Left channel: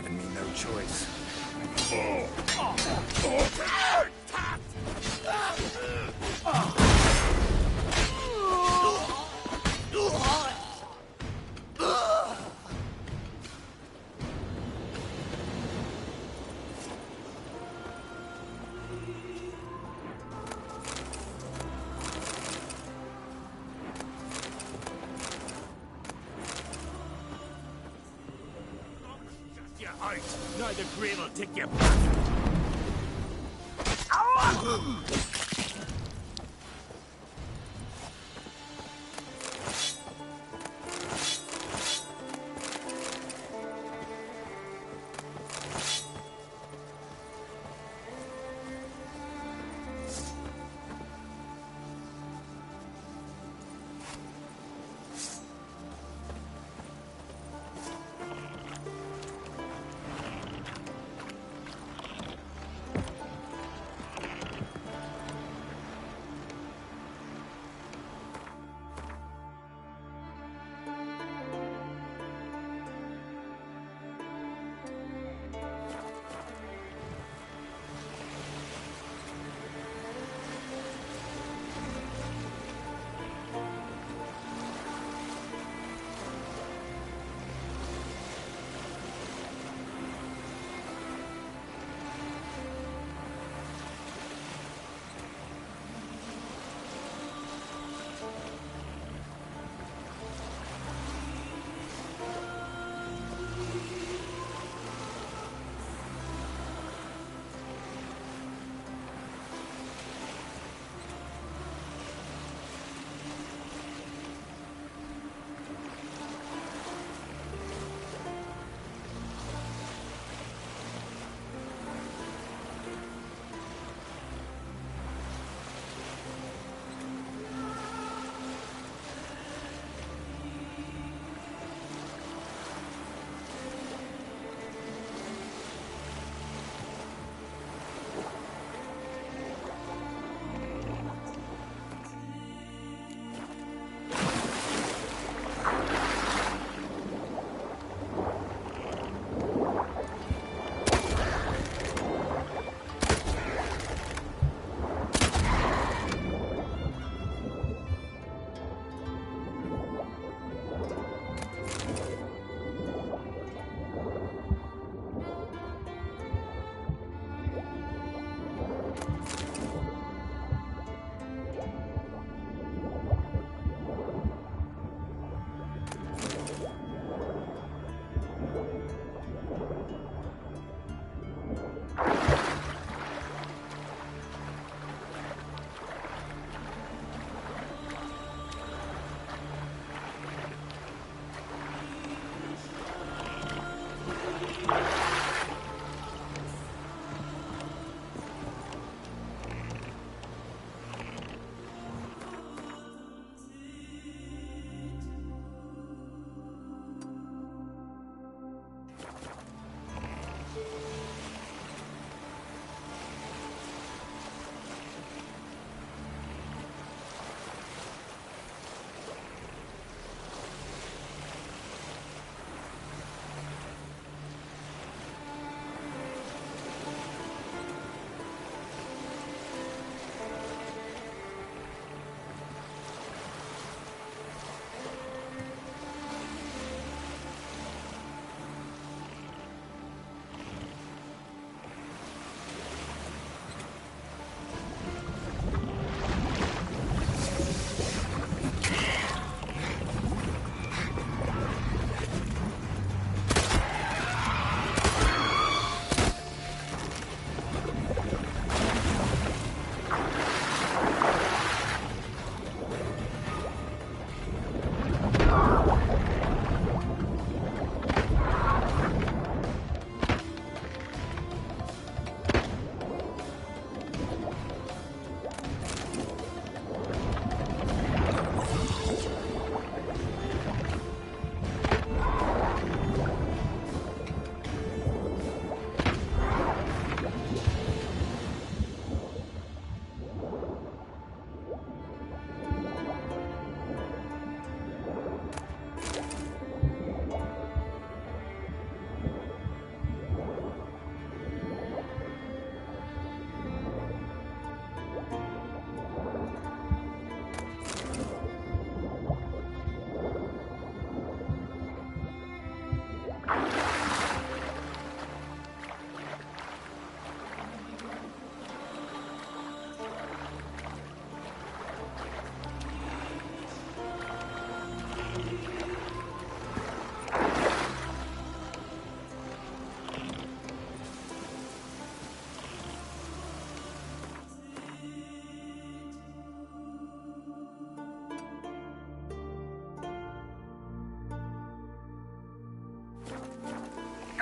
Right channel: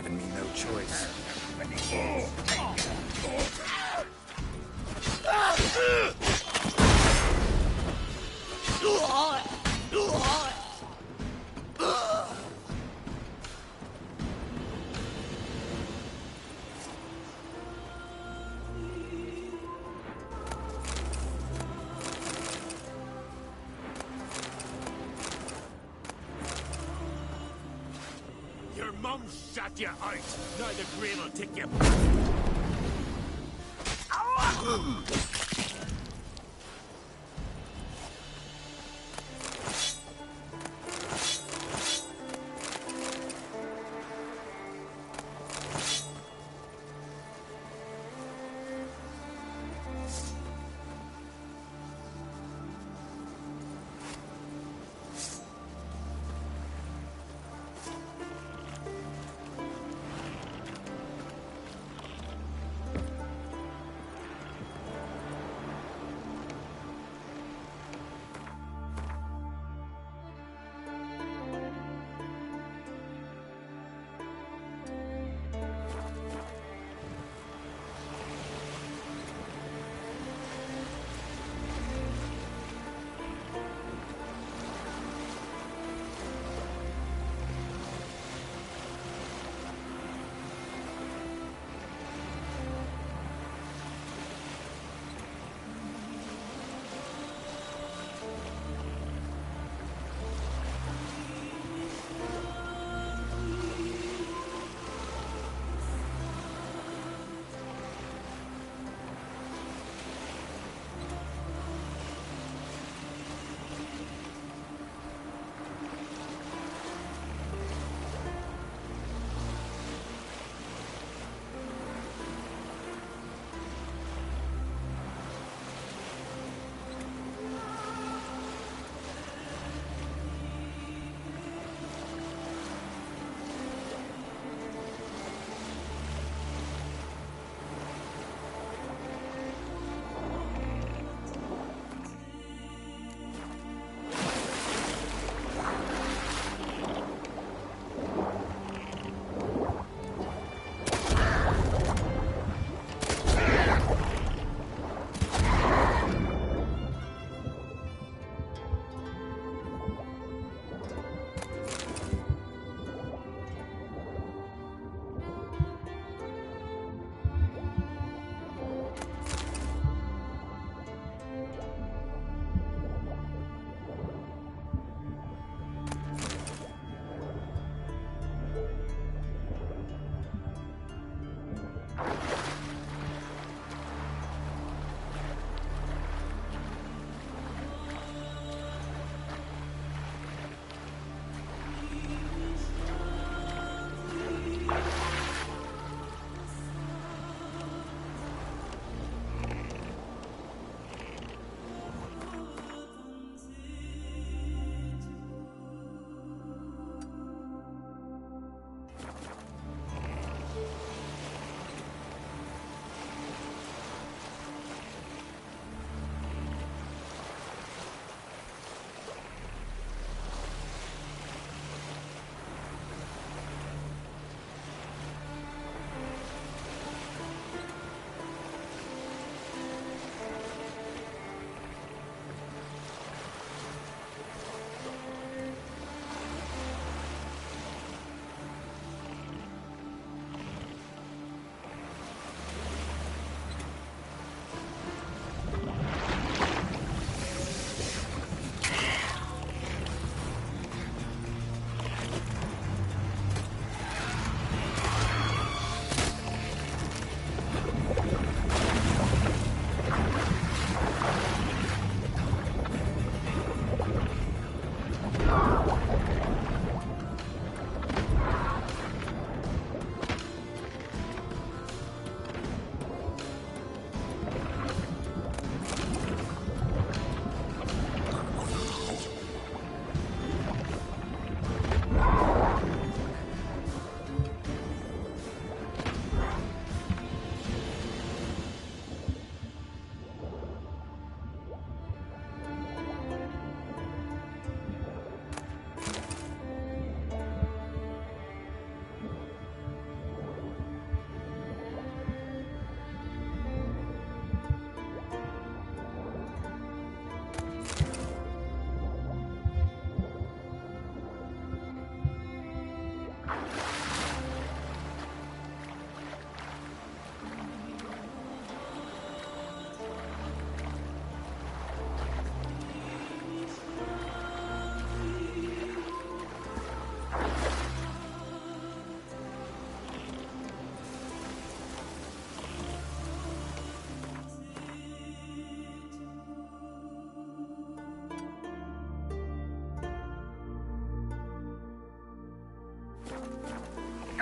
given me no choice. Shut you out! Now the grave will take you back!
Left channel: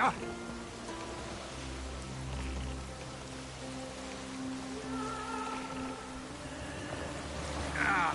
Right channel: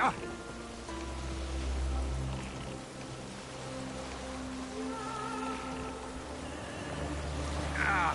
Ah. Ah.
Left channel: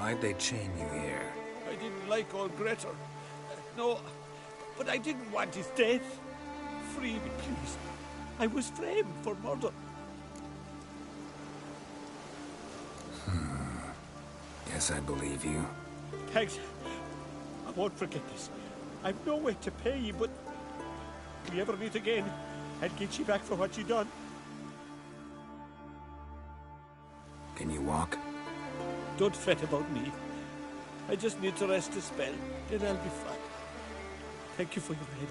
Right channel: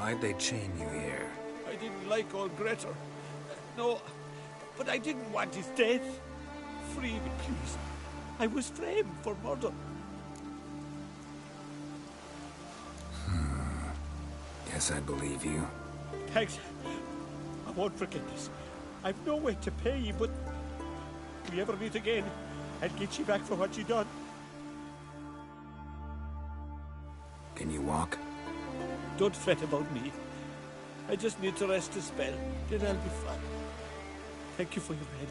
Why'd they chain you here? I didn't like old Grettir. No, but I didn't want his death. Free me, please. I was framed for murder. Guess I believe you. Thanks. I won't forget this. I've no way to pay you, but if we ever meet again, I'll get you back for what you done. Can you walk? Don't fret about me. I just need to rest a spell, then I'll be fine. Thank you for your help.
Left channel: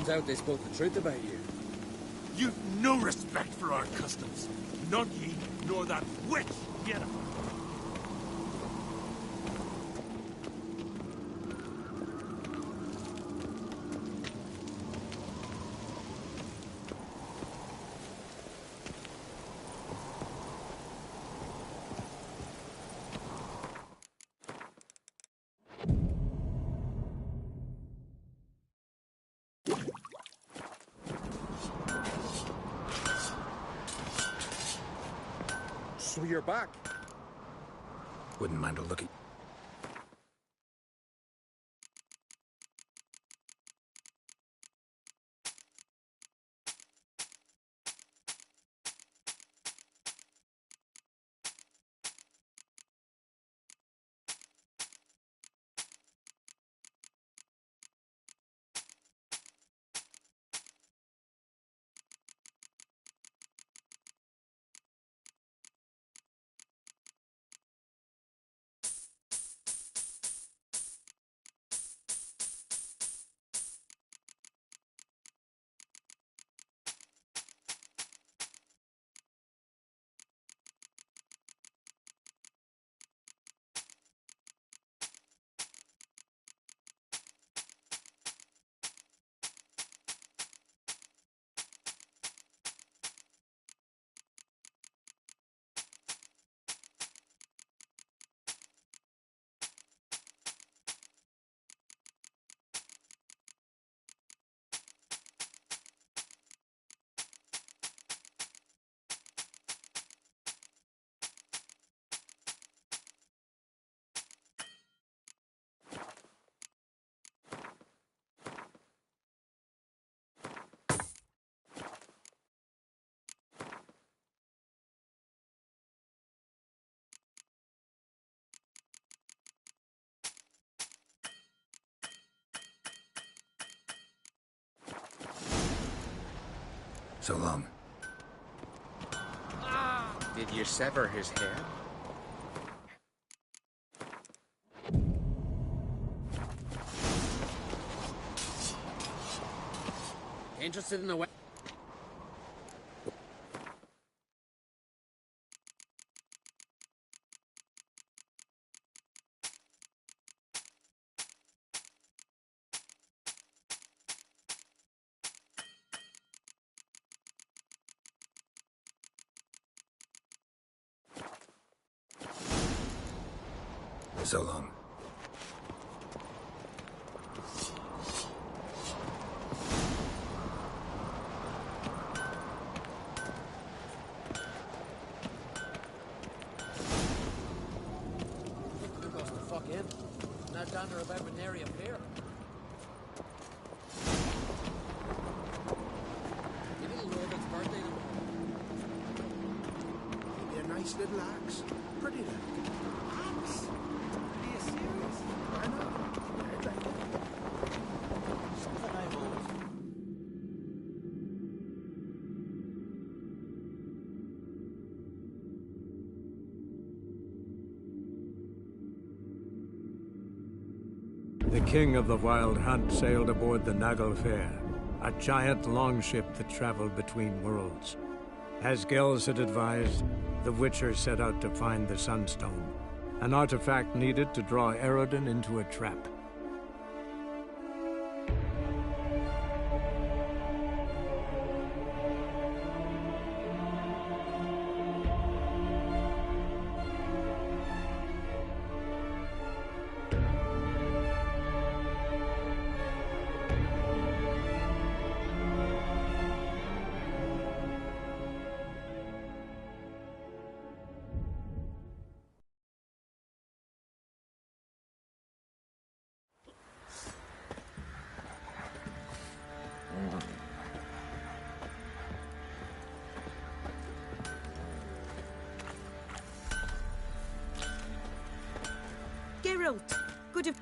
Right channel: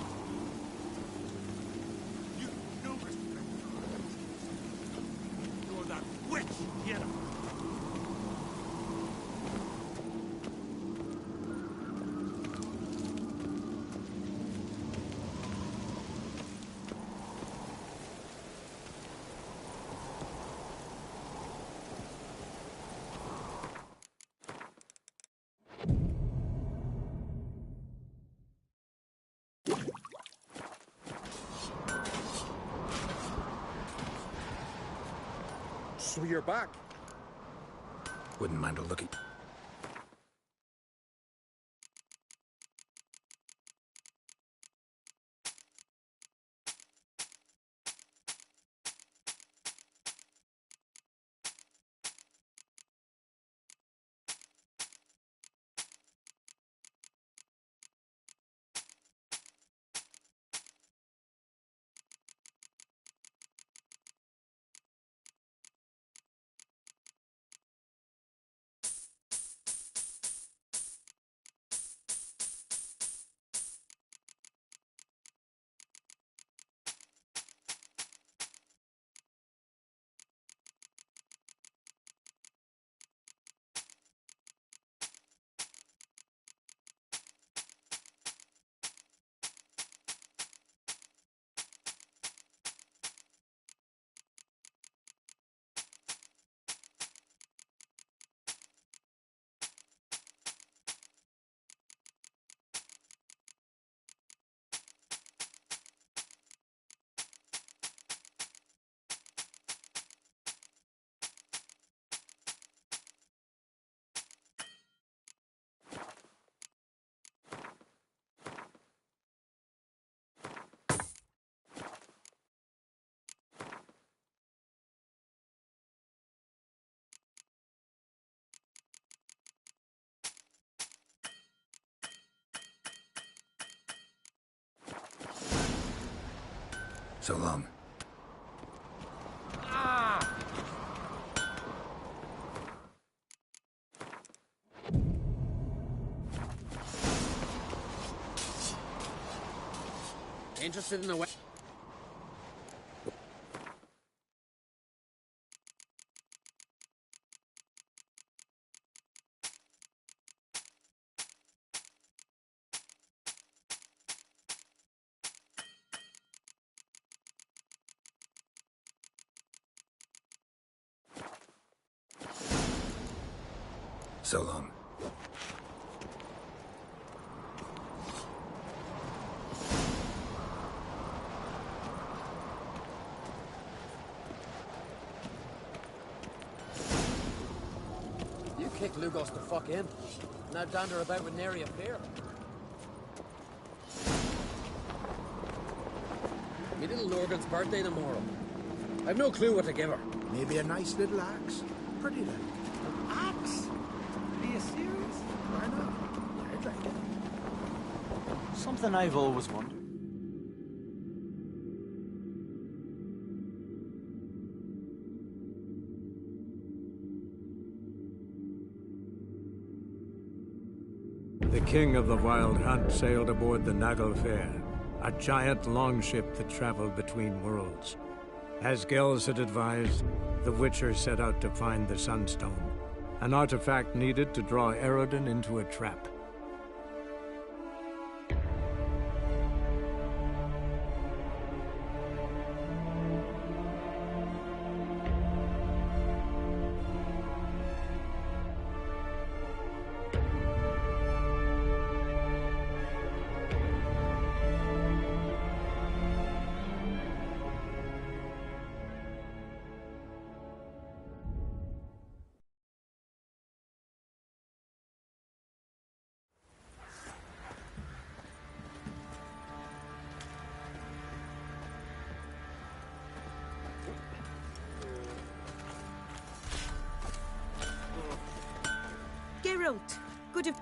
turns out they spoke the truth about you. You've no respect for our customs. Not me, nor that witch, Yennefer. So you're back. Wouldn't mind a look at... So long. Ah! Did you sever his head? Interested in the way? So long. You kicked Lugos the fuck in. Now dander about with nary a fear. Me little Lorgan's birthday tomorrow. I've no clue what to give her. Maybe a nice little axe. Pretty like. Axe? Are you serious? Why not? I'd like it. Something I've always wanted. The king of the Wild Hunt sailed aboard the Naglfar, a giant longship that traveled between worlds. As Gels had advised, the Witcher set out to find the Sunstone, an artifact needed to draw Eredin into a trap. Geralt, good of...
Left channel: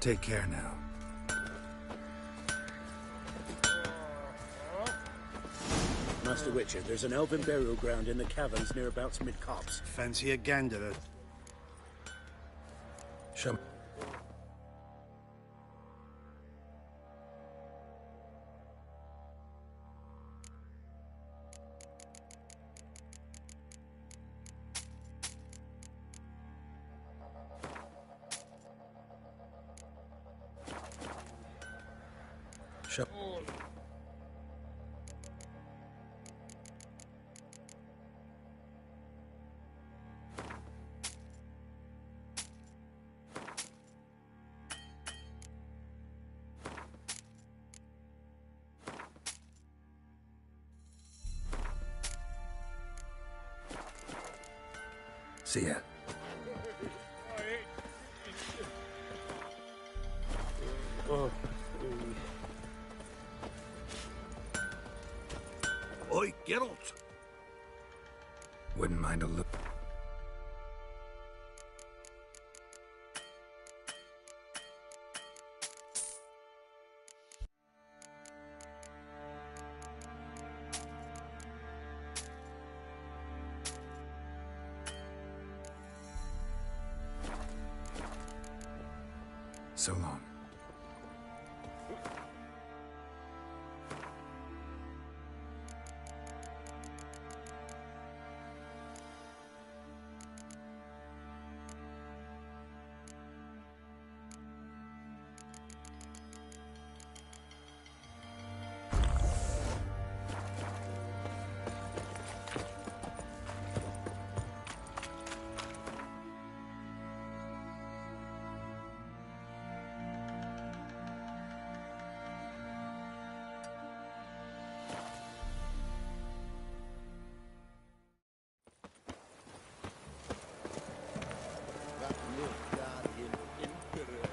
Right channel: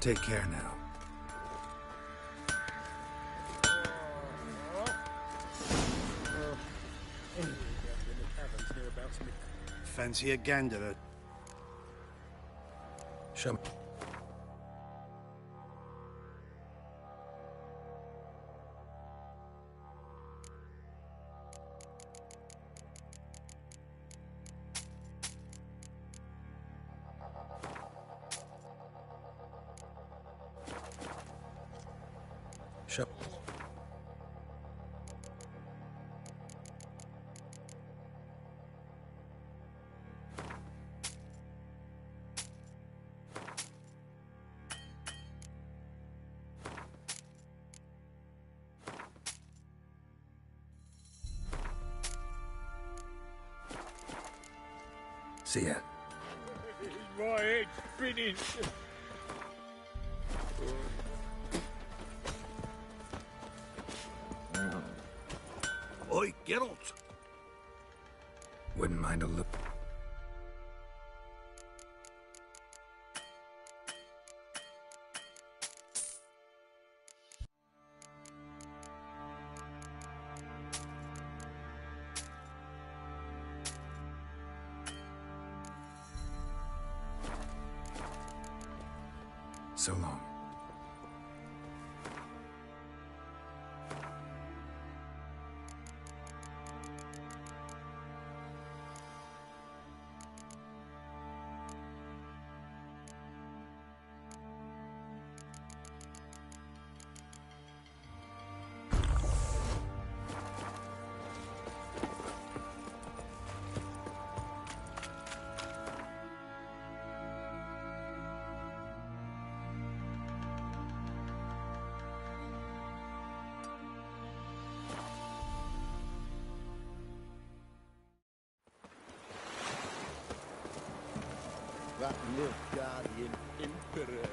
Take care now. Master Witcher, there's an elven burial ground in the caverns nearabouts mid-copse. Fancy a gander. Show me. Show. See ya. My head spinning. Oi, Geralt! Wouldn't mind a look. So long. That Nilfgaardian emperor.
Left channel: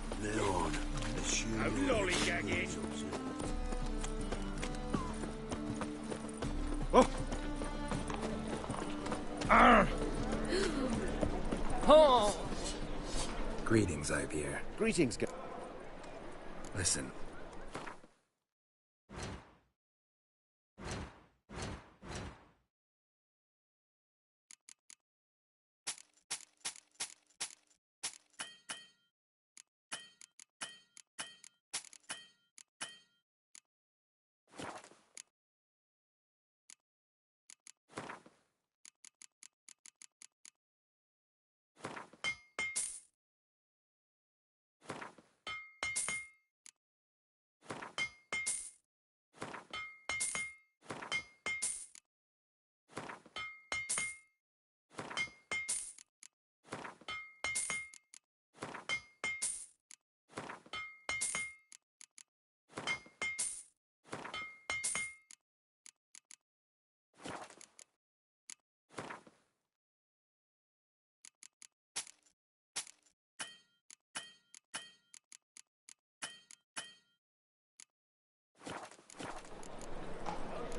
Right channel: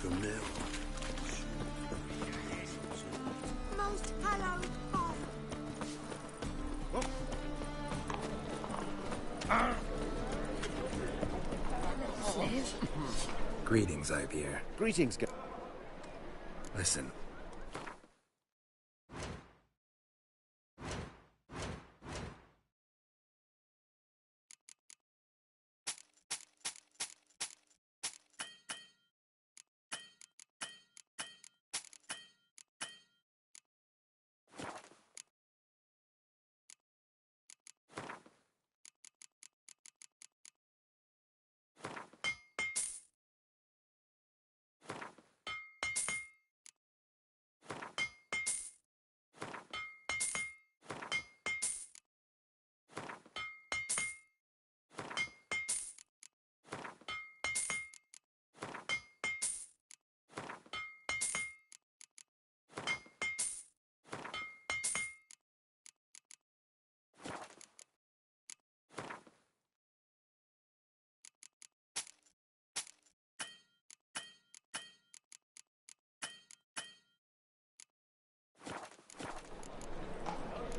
From now on, assume Lollygagging. Greetings, Ivier. Greetings, Listen.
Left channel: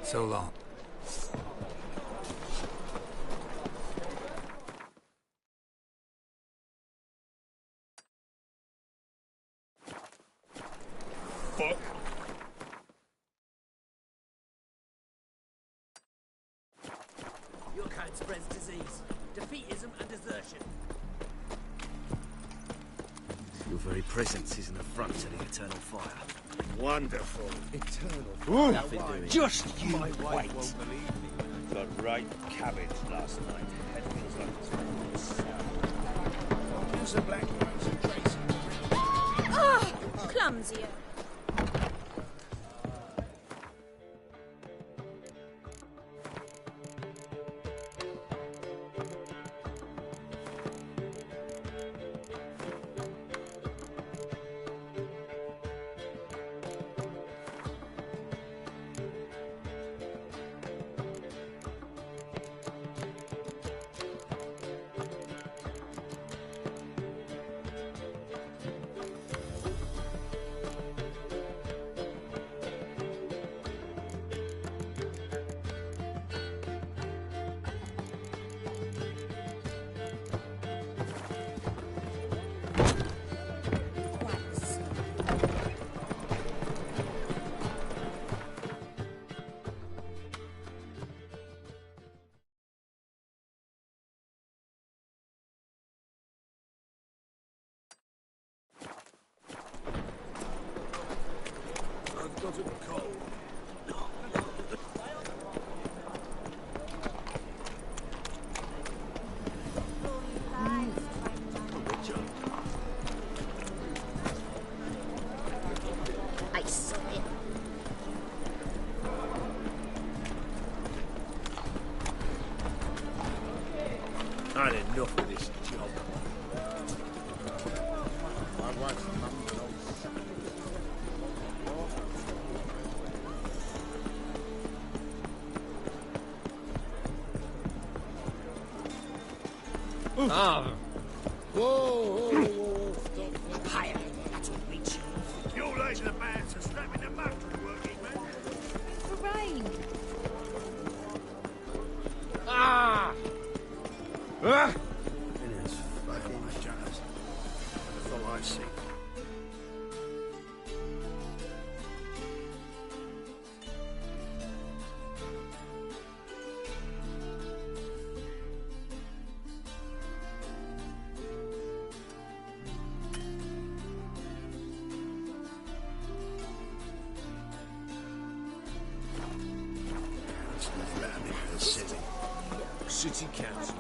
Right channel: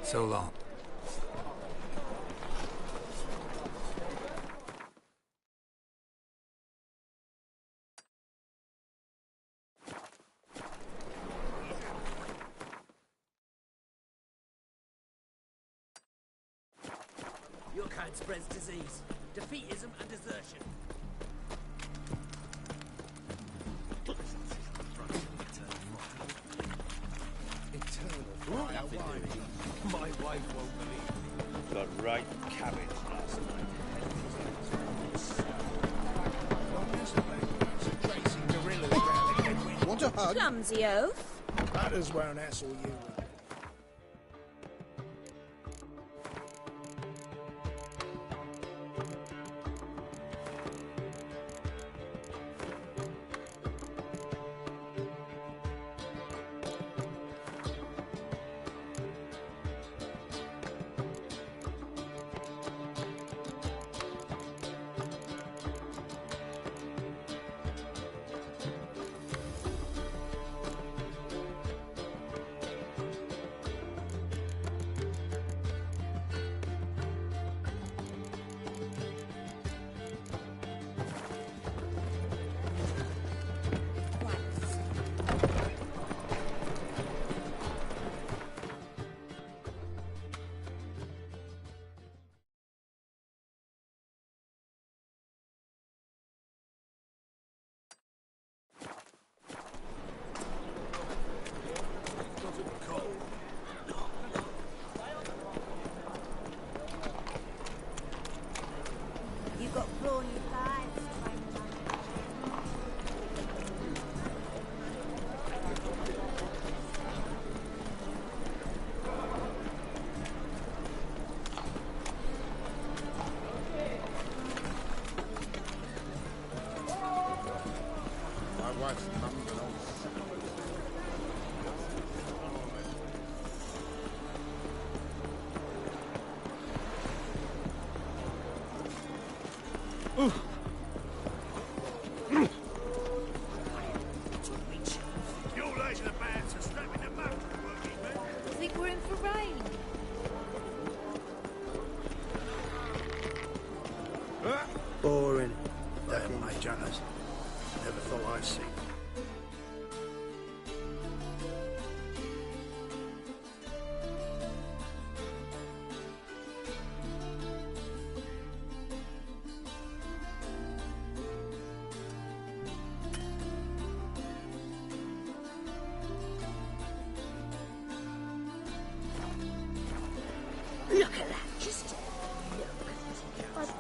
So long. Your kind spreads disease, defeatism, and desertion. Your very presence is in the front of the eternal fire. wonderful. Eternal. Nothing doing. Just my wife won't believe me. Got right cabbage last night. Head feels like it's There's a black one's a tracing gorilla. Want a hug? Clumsy oaf. That as well, that's all you. You're late to the band, so strapping the muff to working, man. I think we're in for rain. Boring as Never fucking... mind, Jonas. Never thought I'd see. City Council.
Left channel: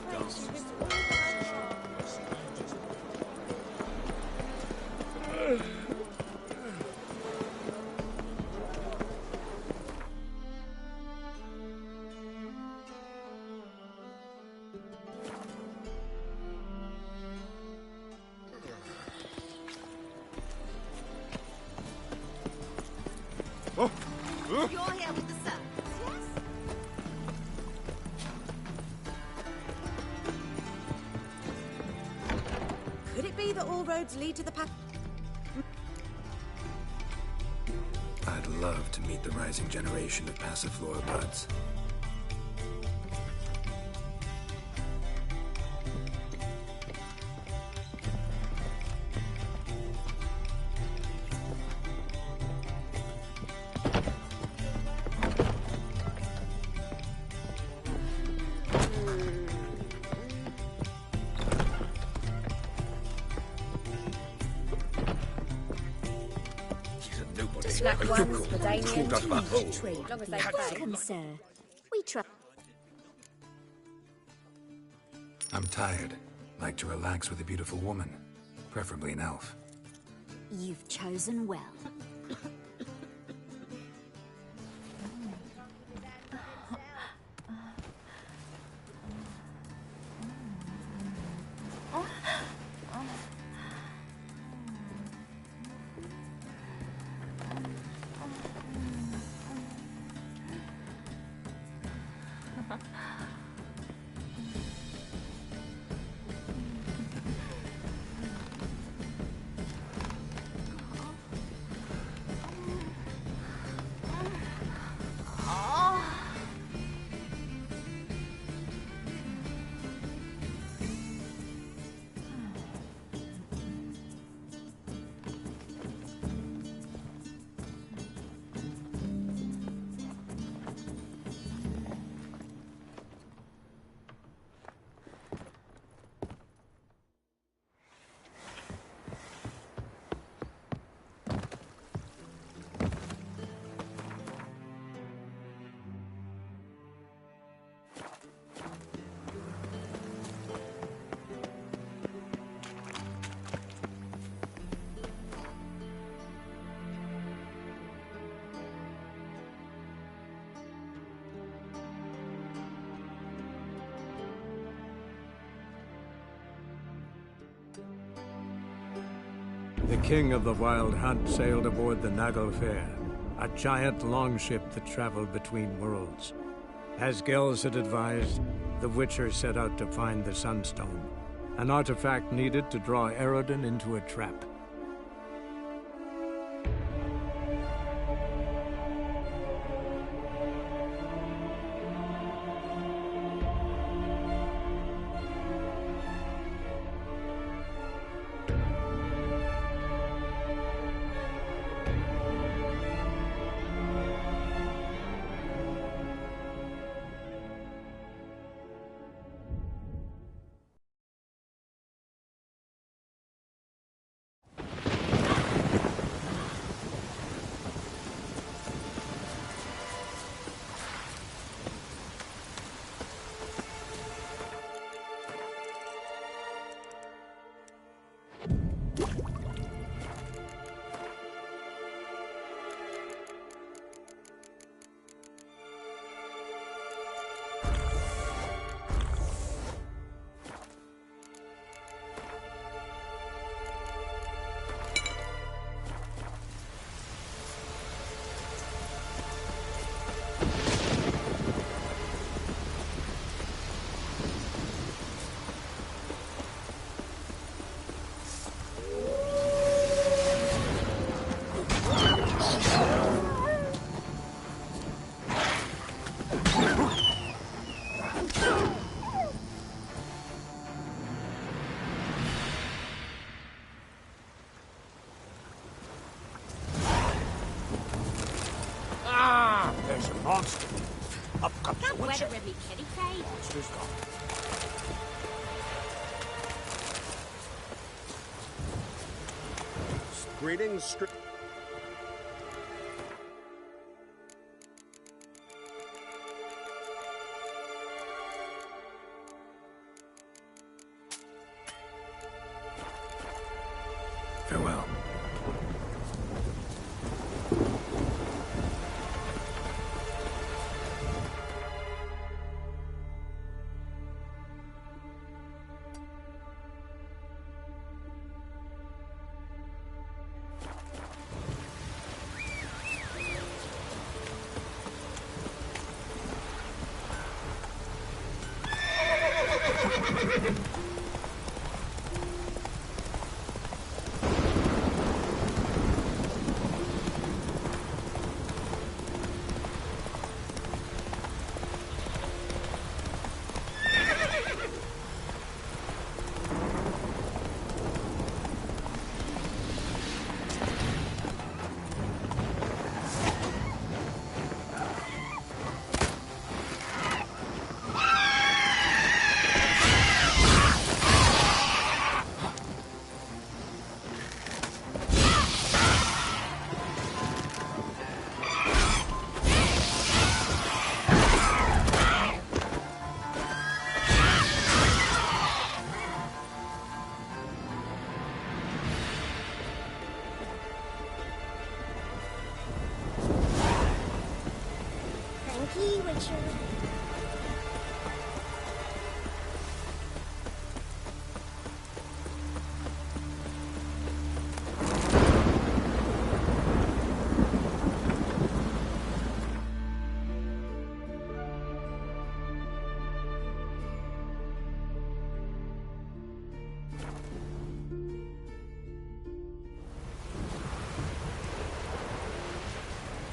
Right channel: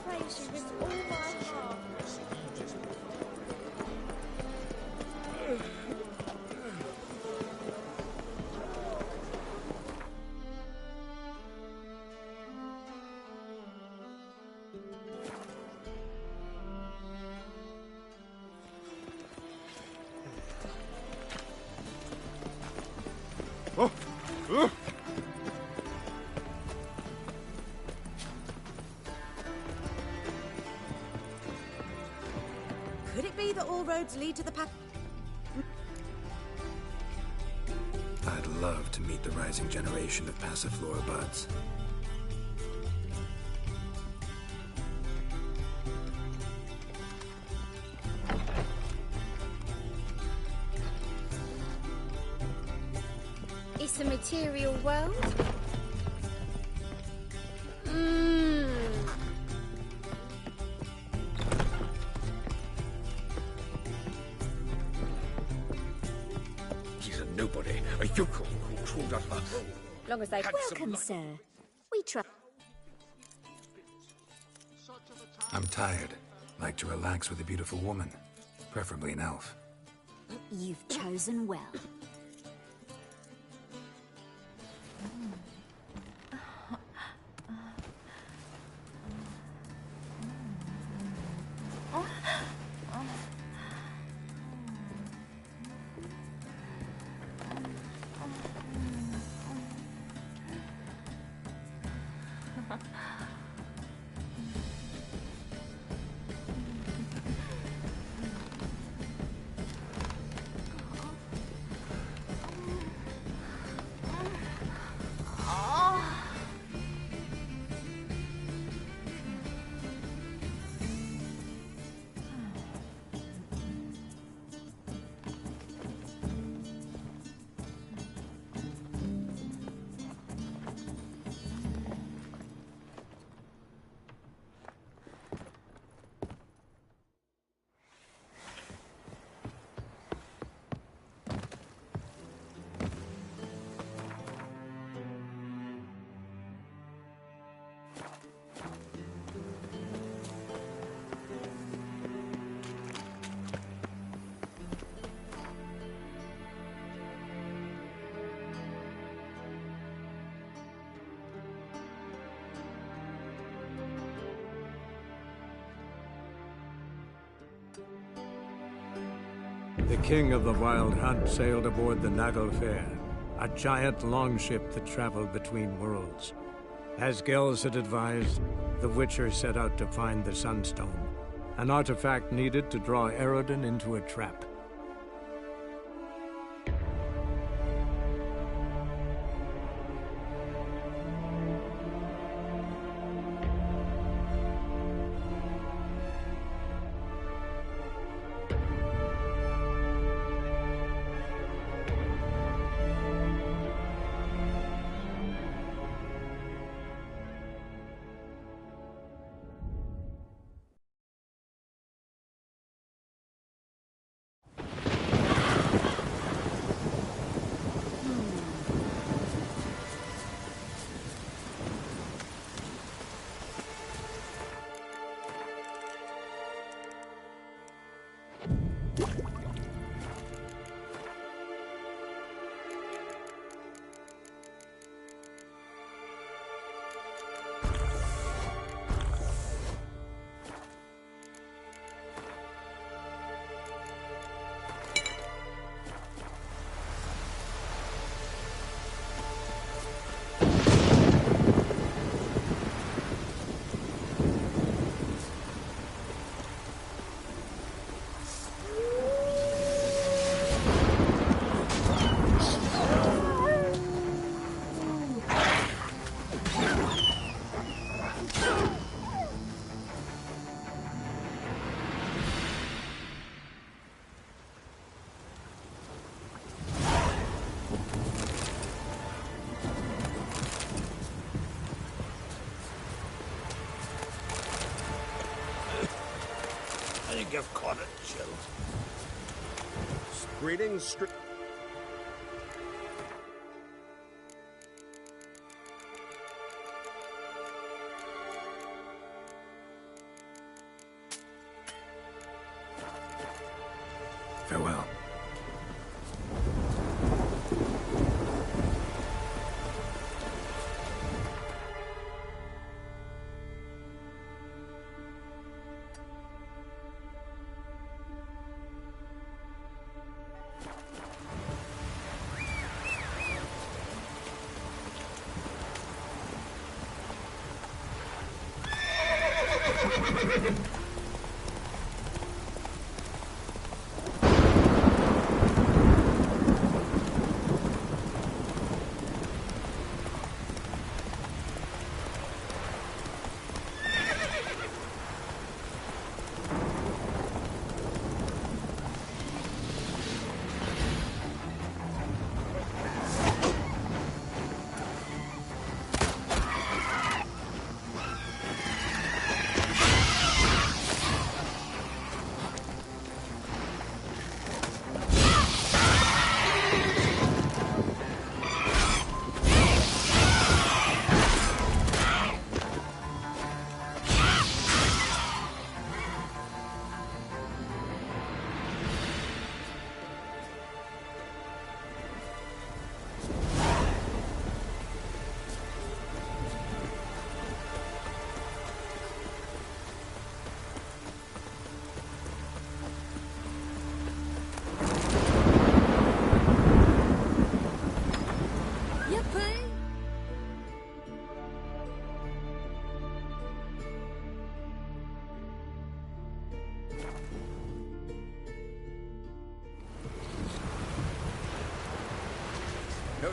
Could it be that all roads lead to the path? I'd love to meet the rising generation of Passiflora buds. It's a material world. He's a nobody. Snap A ones yokel. for Damien. Called us that hole. Long as they Welcome, sir. We try. I'm tired. Like to relax with a beautiful woman. Preferably an elf. You've chosen well. The king of the Wild Hunt sailed aboard the Naglfar, a giant longship that traveled between worlds. As Gels had advised, the Witcher set out to find the Sunstone, an artifact needed to draw Eredin into a trap. Greetings, Farewell.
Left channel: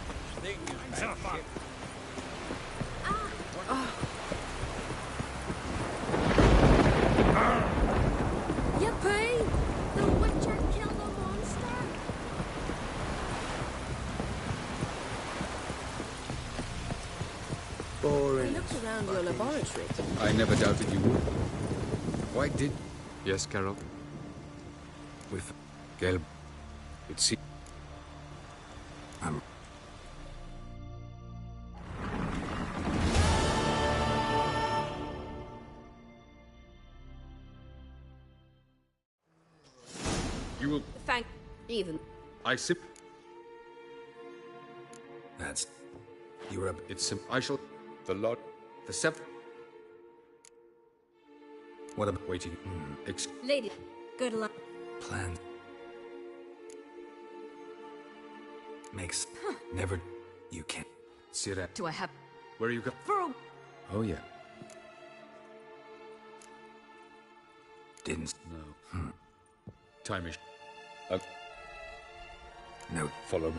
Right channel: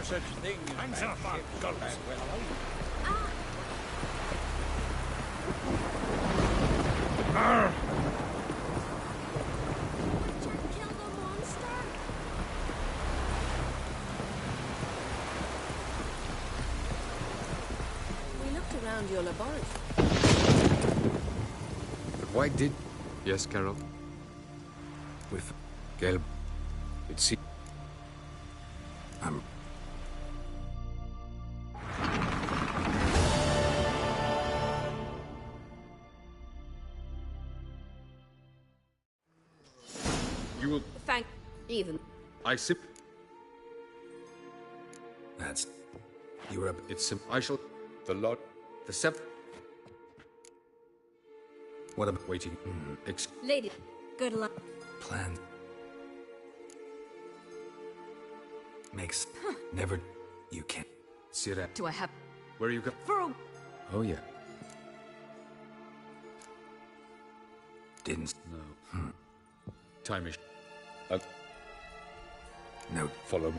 Such thing as a ship. Yippee! The Witcher killed a monster! We looked around your laboratory. I never doubted you would. Why did... Yes, Carol? With Gelb, it seems... You will... Thank... even... I sip... That's... You're up. It's sim... I shall... The lot... The seven... What about... Waiting... Lady, good luck. Plan... Makes... Never... You can't... Sira... Do I have... Where are you going? For a... Oh, yeah. Didn't... No. Time is... No. Follow me.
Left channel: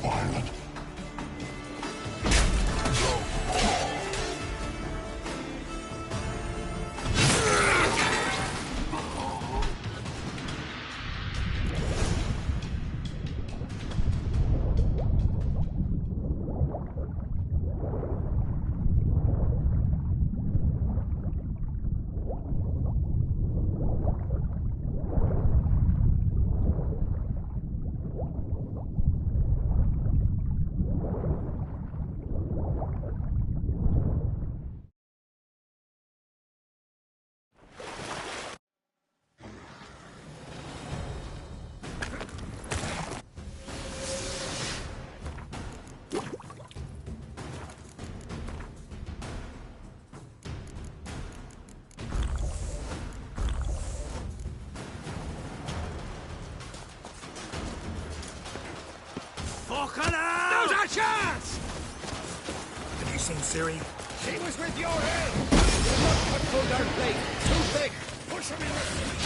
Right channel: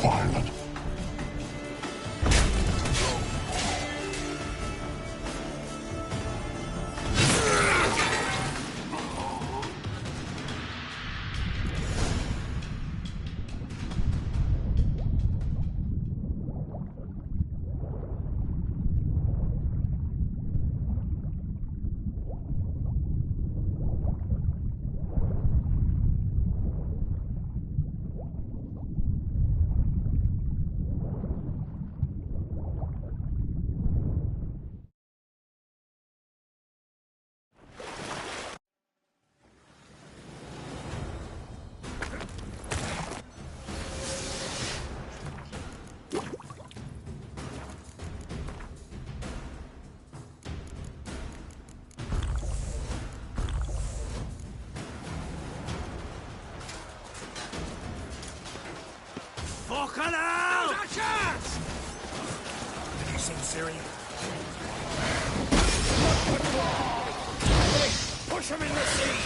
violent. Fucking hell! Now's our chance! Have you seen Ciri? She was with your head! Look, pull that plate! Too big! Push him in the sea!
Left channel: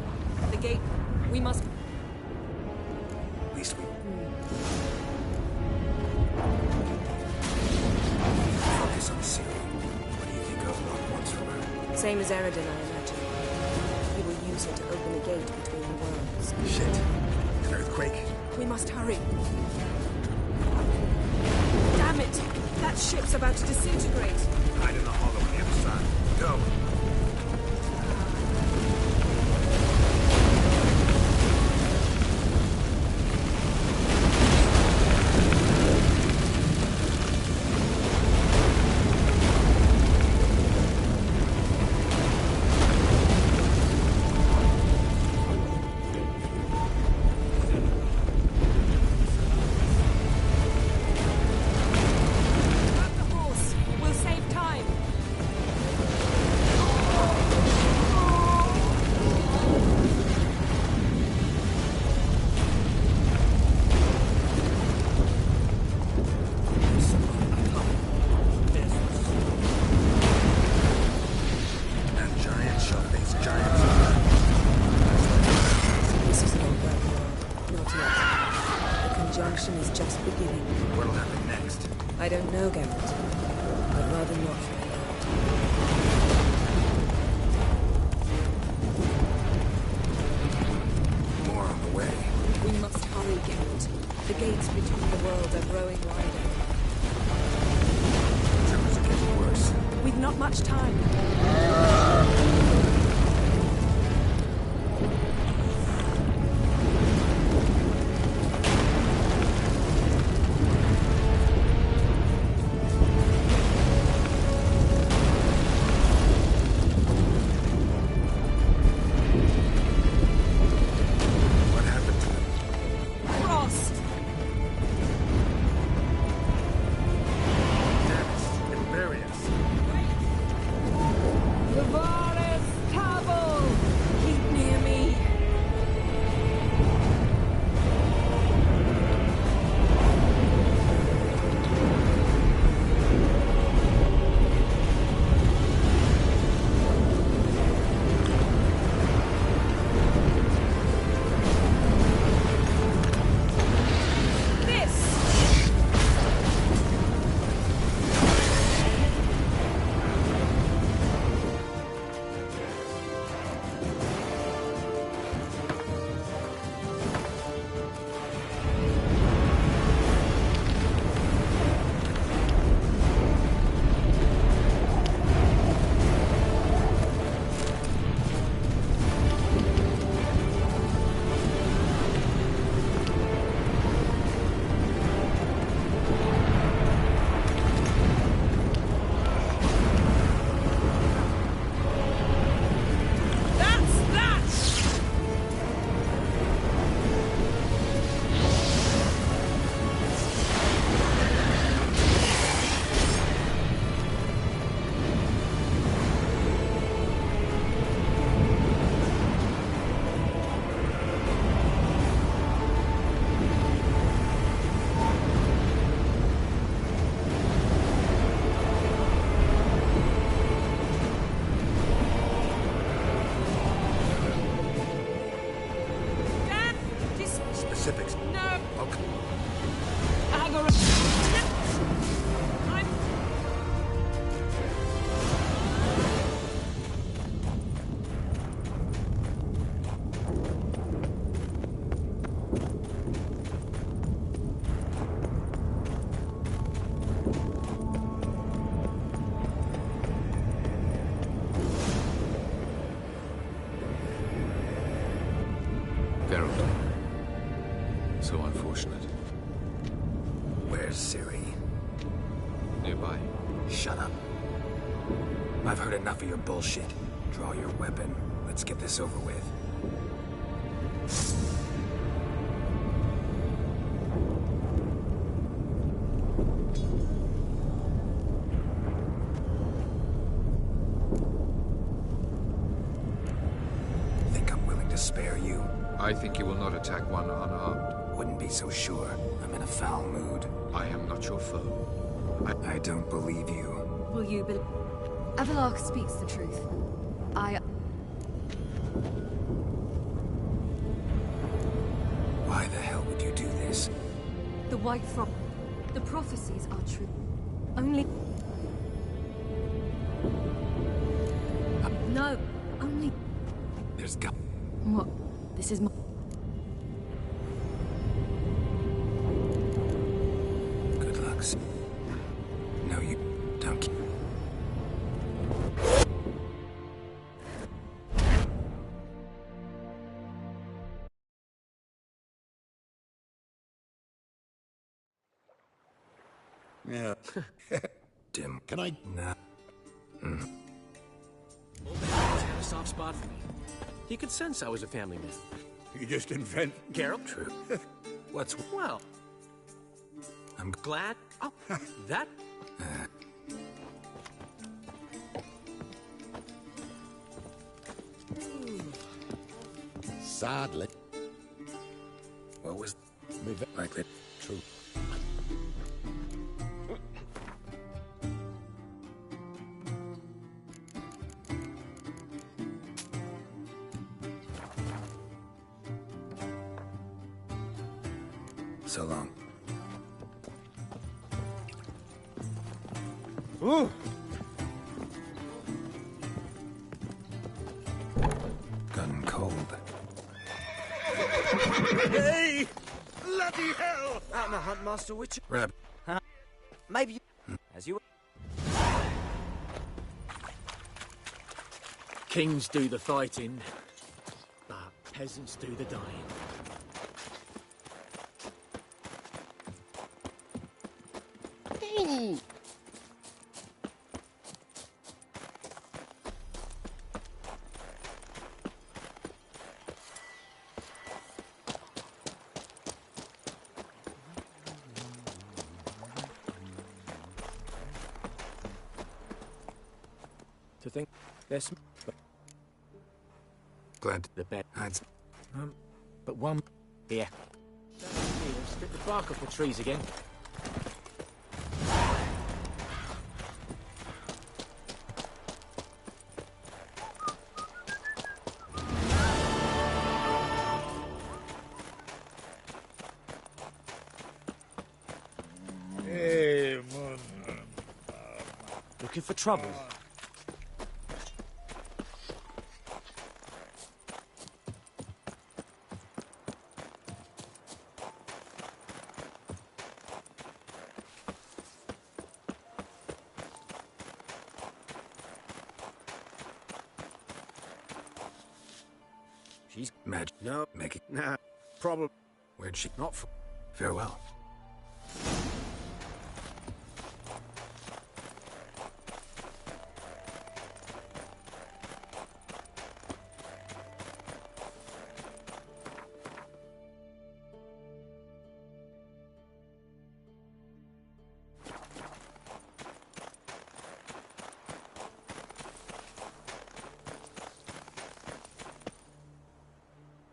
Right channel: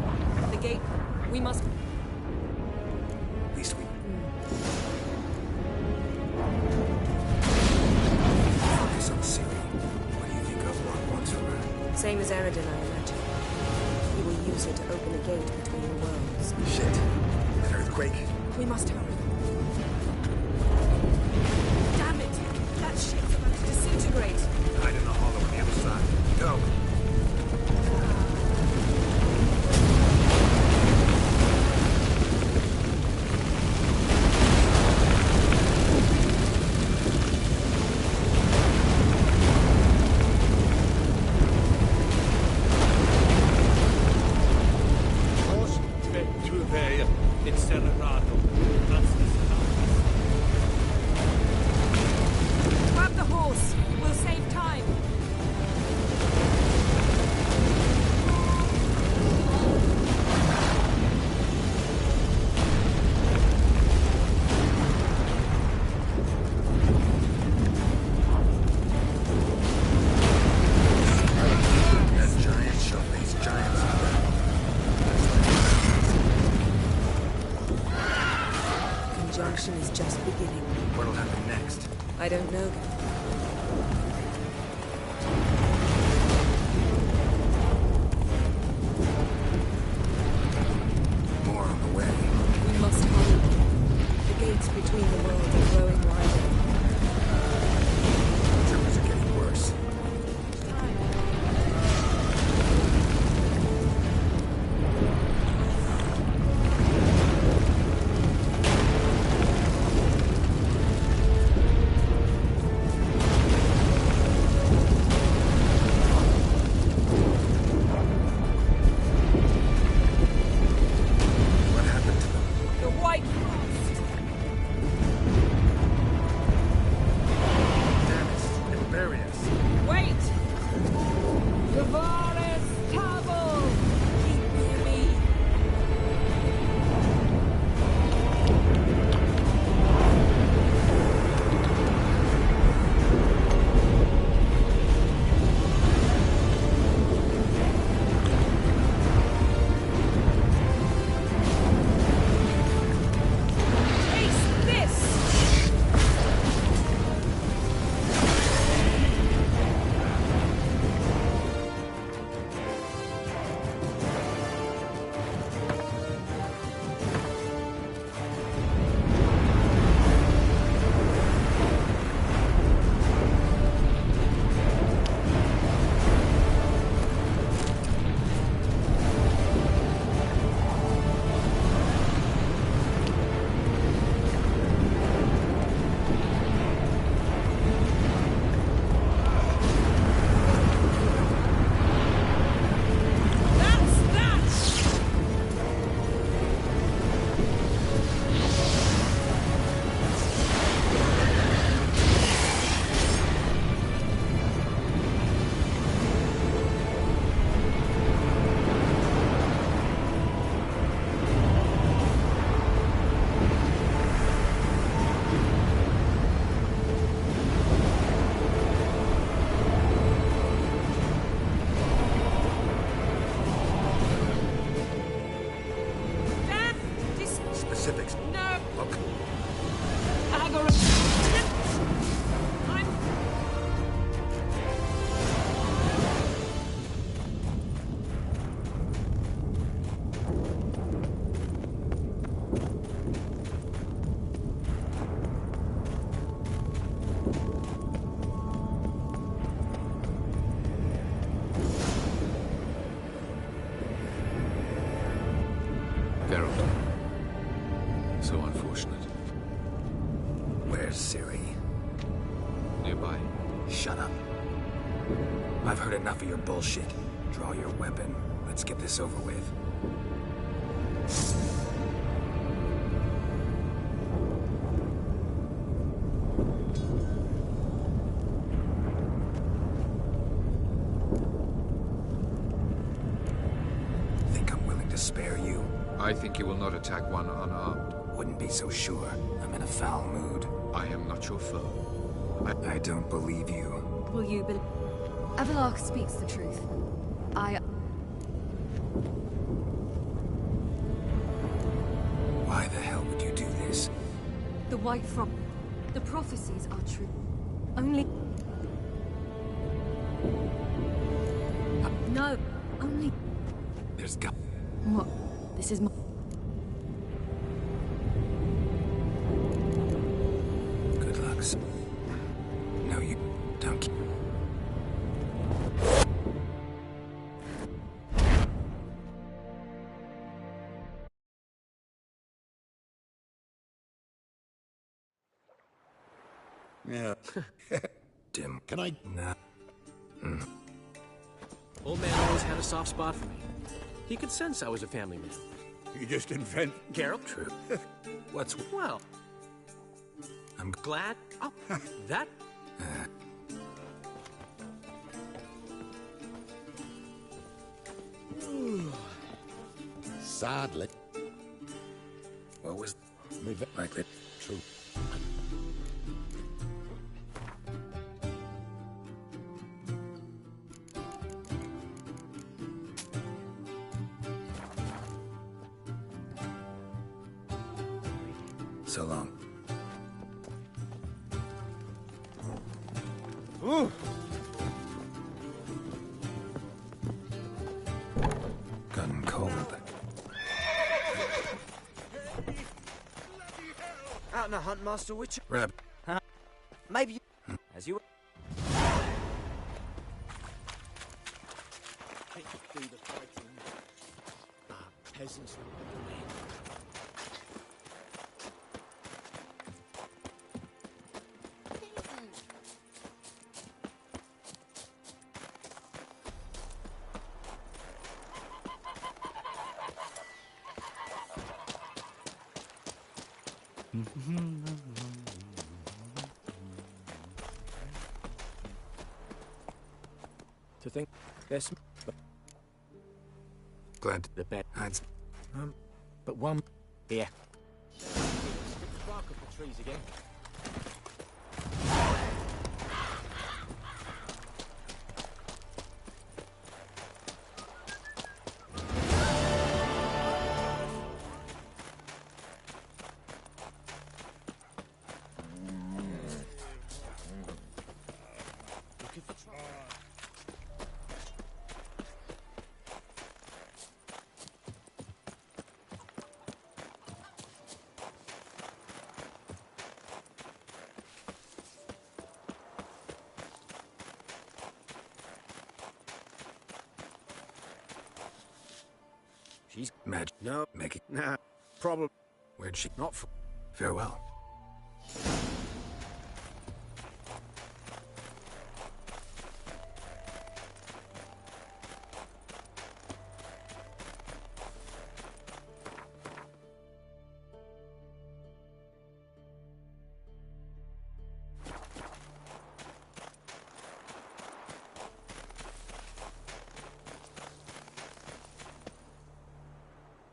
time. The gate... We must... At least we... Focus on Ciri. What do you think Avallac'h wants from her? Same as Eredin, I imagine. He will use it to open a gate between the worlds. Shit. An earthquake? We must hurry. Damn it! That ship's about to disintegrate. Hide in the hollow on the other side. Go! Grab the horse. We'll save time. And giants shall face giants. The conjunction is just beginning. What'll happen next? I don't know, Geralt. I'd rather not find out. More on the way. We must hurry, Geralt. The gates between the worlds are growing wider. Tremors are getting worse. We've not much time. What happened to them? The White Frost! Damn it. It'll bury us. Wait! Tavares Tavel! Keep near me. Taste this! That's that! Dad! Specifics. No! Okay. Agora... I'm... Geralt. So unfortunate. Where's Ciri? Nearby. Shut up. I've heard enough of your bullshit. Draw your weapon. Let's get this over with. Think I'm willing to spare you? I think you will not attack one unarmed. Wouldn't be so sure. I'm in a foul mood. I am not your foe. I don't believe you. Will you believe? Avallac'h speaks the truth. Yes. The White Frog. The prophecies are true. Only... No, only... There's got... What? This is my... Good luck. No, you don't. Yeah. Dim. Can I? Nah. Old man always had a soft spot for me. He could sense I was a family man. You just invent... Geralt? True. What's... Well, I'm glad... Oh, that... Sadly. What was... Me like that? True. So long. Ooh. Gun cold. Hey! Bloody hell! Out in the hunt, Master Witcher? Rab. Huh? Maybe as you... Kings do the fighting, but peasants do the dying. To think there's Glad the bed. hides. But one here. Strip the bark off the trees again. Hey, Looking for trouble. She's mad. No. Maggie. Nah. Problem. Where'd she... Not for... Farewell.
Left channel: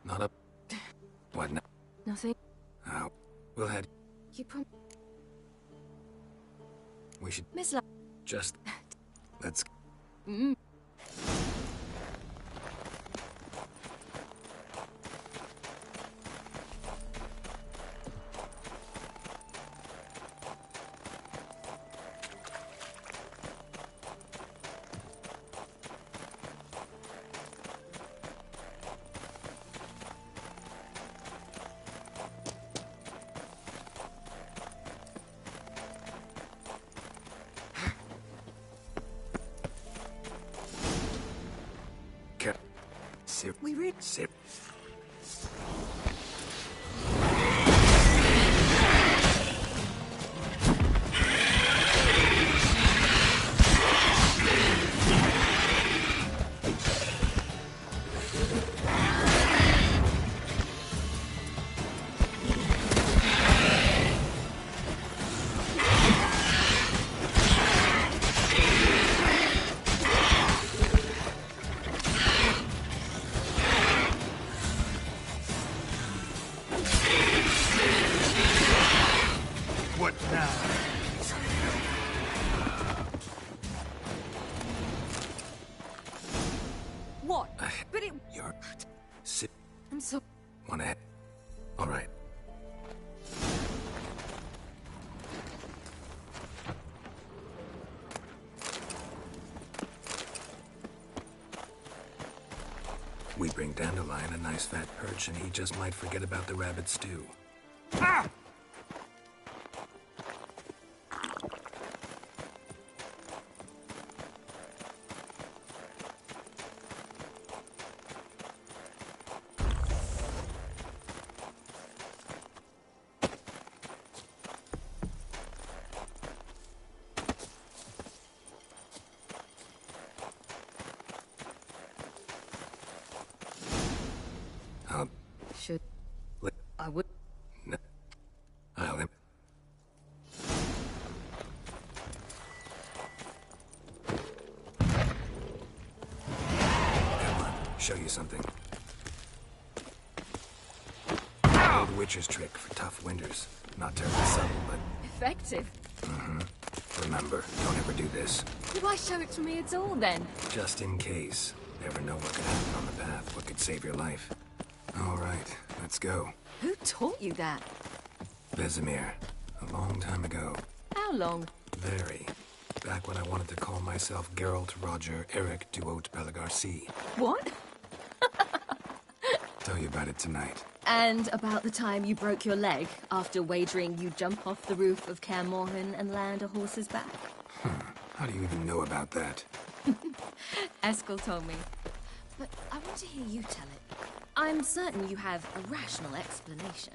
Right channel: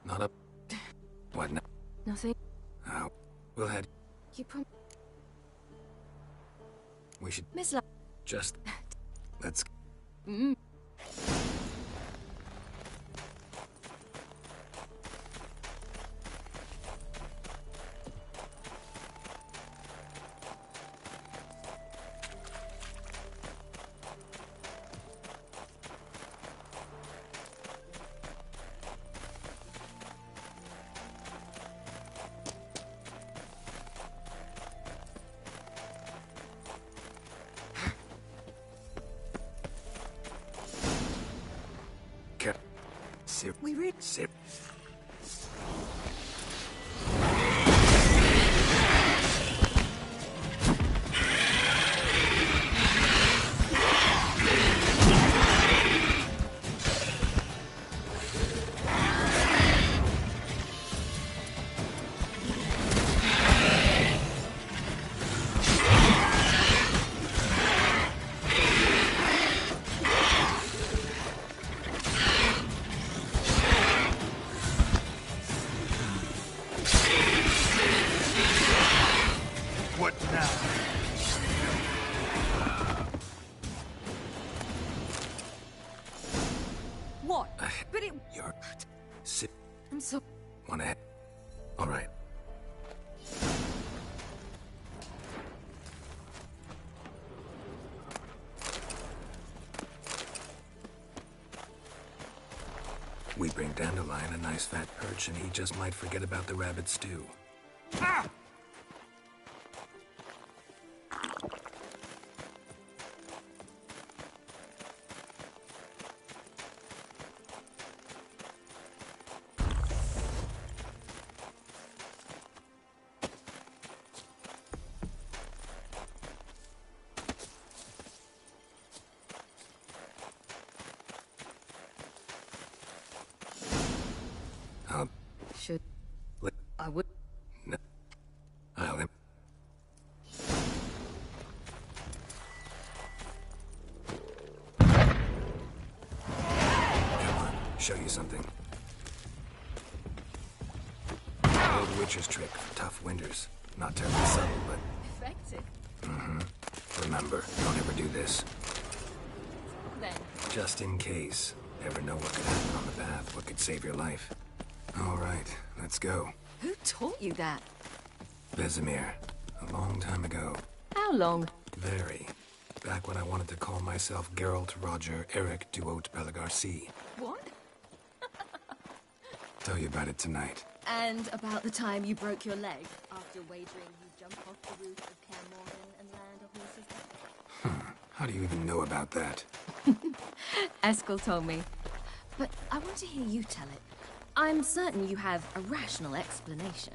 Not a... What now? Nothing. Oh, we'll head... You prom... We should Miss La... just... Let's... Sip. We read... Sip. What now? What? But it... You're... Sip. I'm so... Wanna head? All right. Dandelion a nice fat perch, and he just might forget about the rabbit stew. Ah! Should I would. No. I'll. Come on, show you something. Old witcher's trick for tough winters. Not terribly subtle, but Effective. remember, don't ever do this. Why show it to me at all, then? Just in case. Never know what could happen on the path, what could save your life. All right, let's go. Who taught you that? Vesemir. A long time ago. How long? Very. Back when I wanted to call myself Geralt Roger Eric Duot Pelagarcy. What? Tell you about it tonight. And about the time you broke your leg after wagering you'd jump off the roof of Kaer Morhen and land a horse's back? How do you even know about that? Eskel told me. But I want to hear you tell it. I'm certain you have a rational explanation.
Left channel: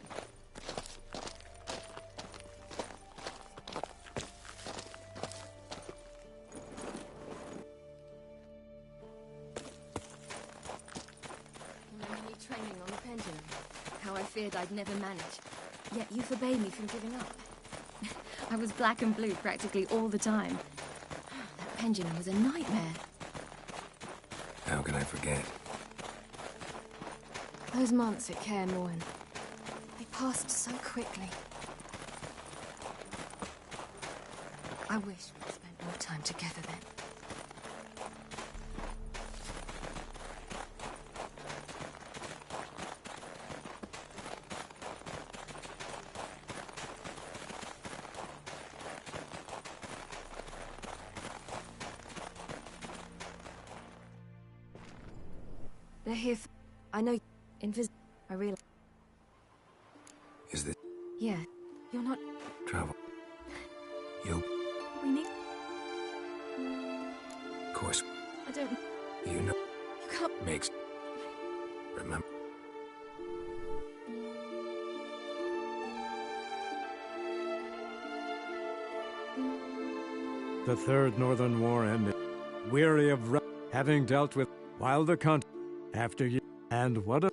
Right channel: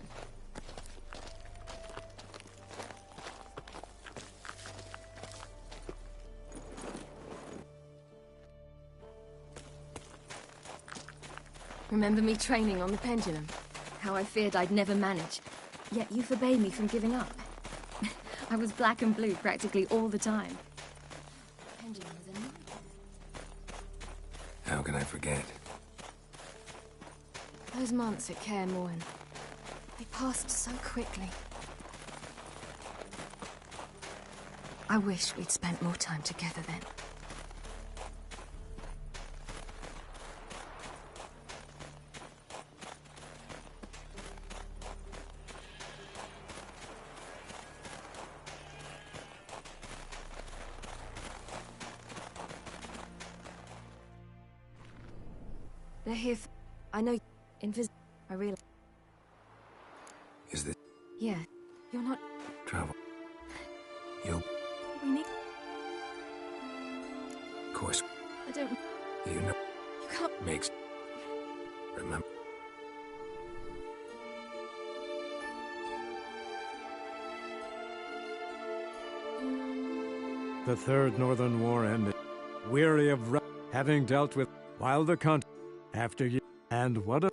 Remember me training on the pendulum? How I feared I'd never manage. Yet you forbade me from giving up. I was black and blue practically all the time. That pendulum was a nightmare. How can I forget? Those months at Kaer Morhen, they passed so quickly. I wish we'd spent more time together then. They're here for... I know... Invisible. I realize... Is this Yeah. You're not... travel? You, We need... of course, I don't... you know, You can't... makes... Remember? The Third Northern War ended. Weary of having dealt with while the after you and what a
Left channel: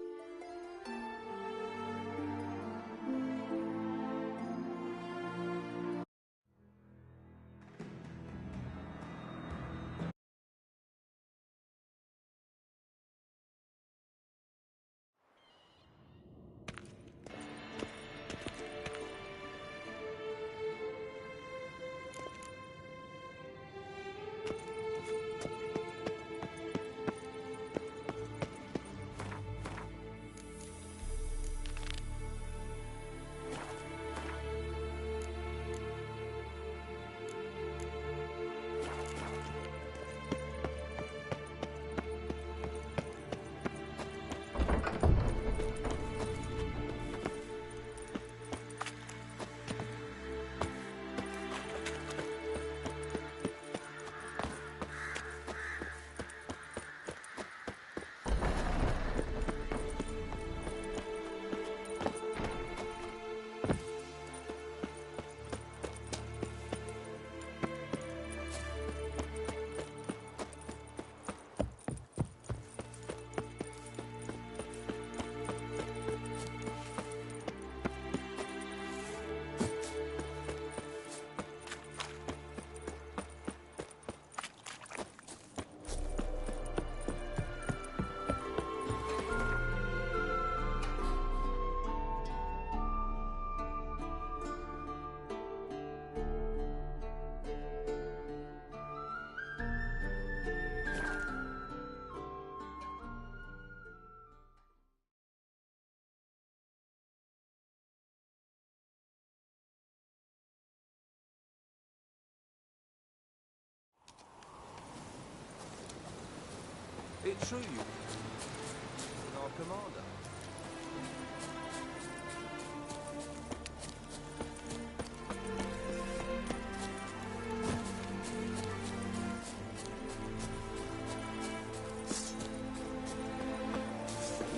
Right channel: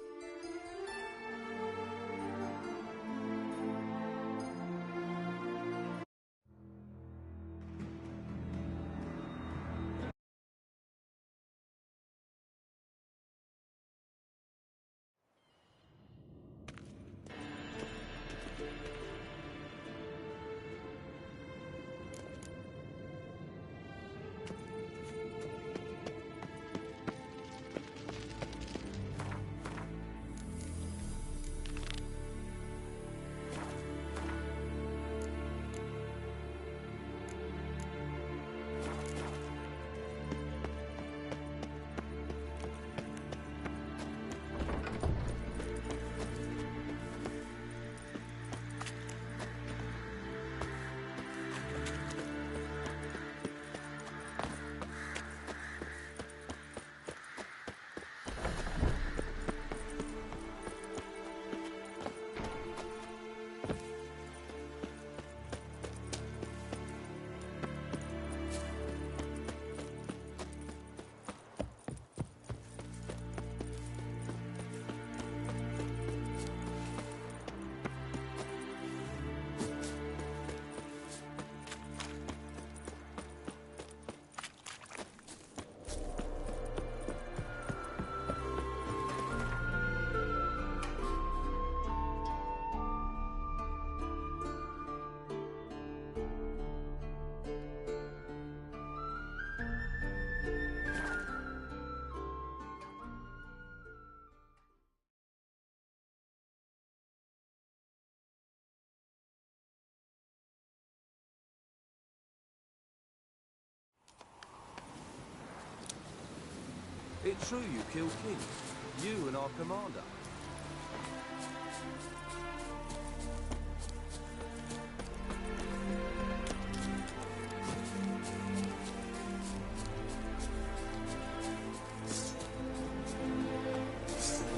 It's true you killed kids. You and our commander.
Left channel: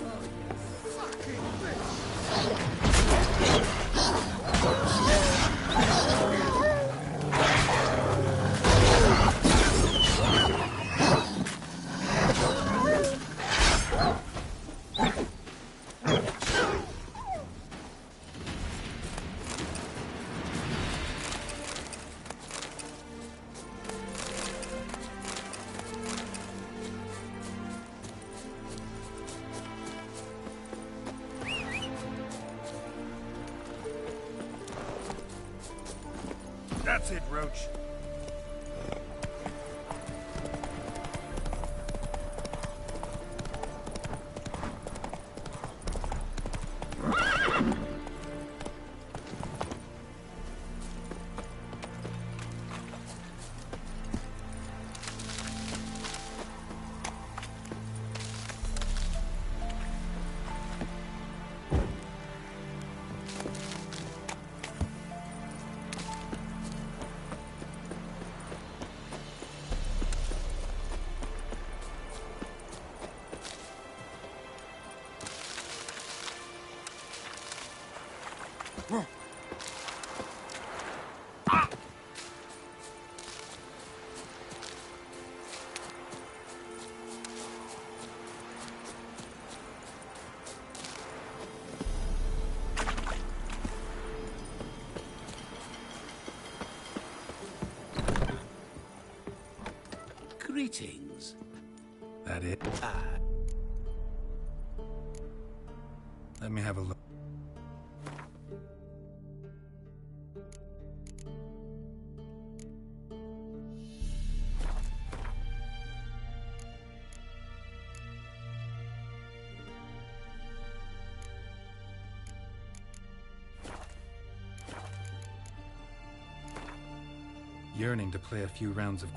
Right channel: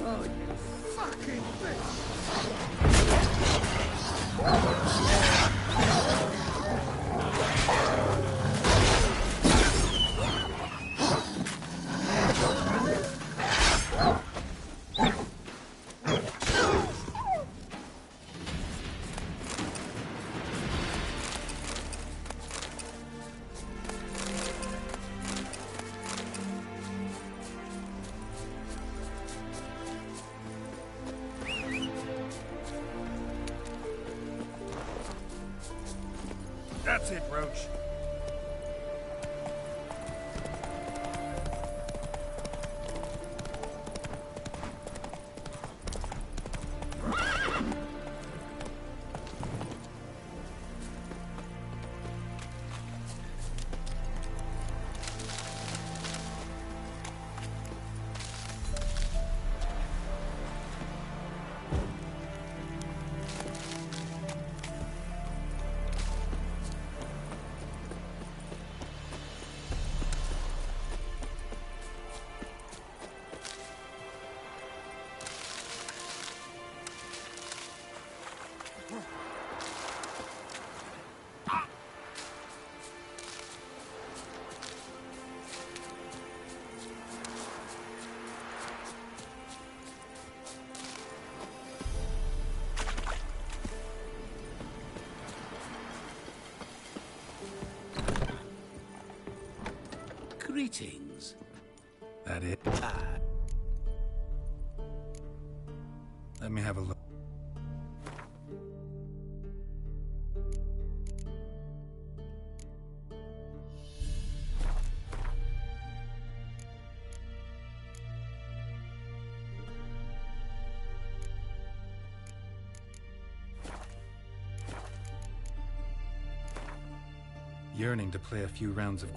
Oh, you fucking bitch! That's it, Roach. Greetings. That it? Let me have a look. Yearning to play a few rounds of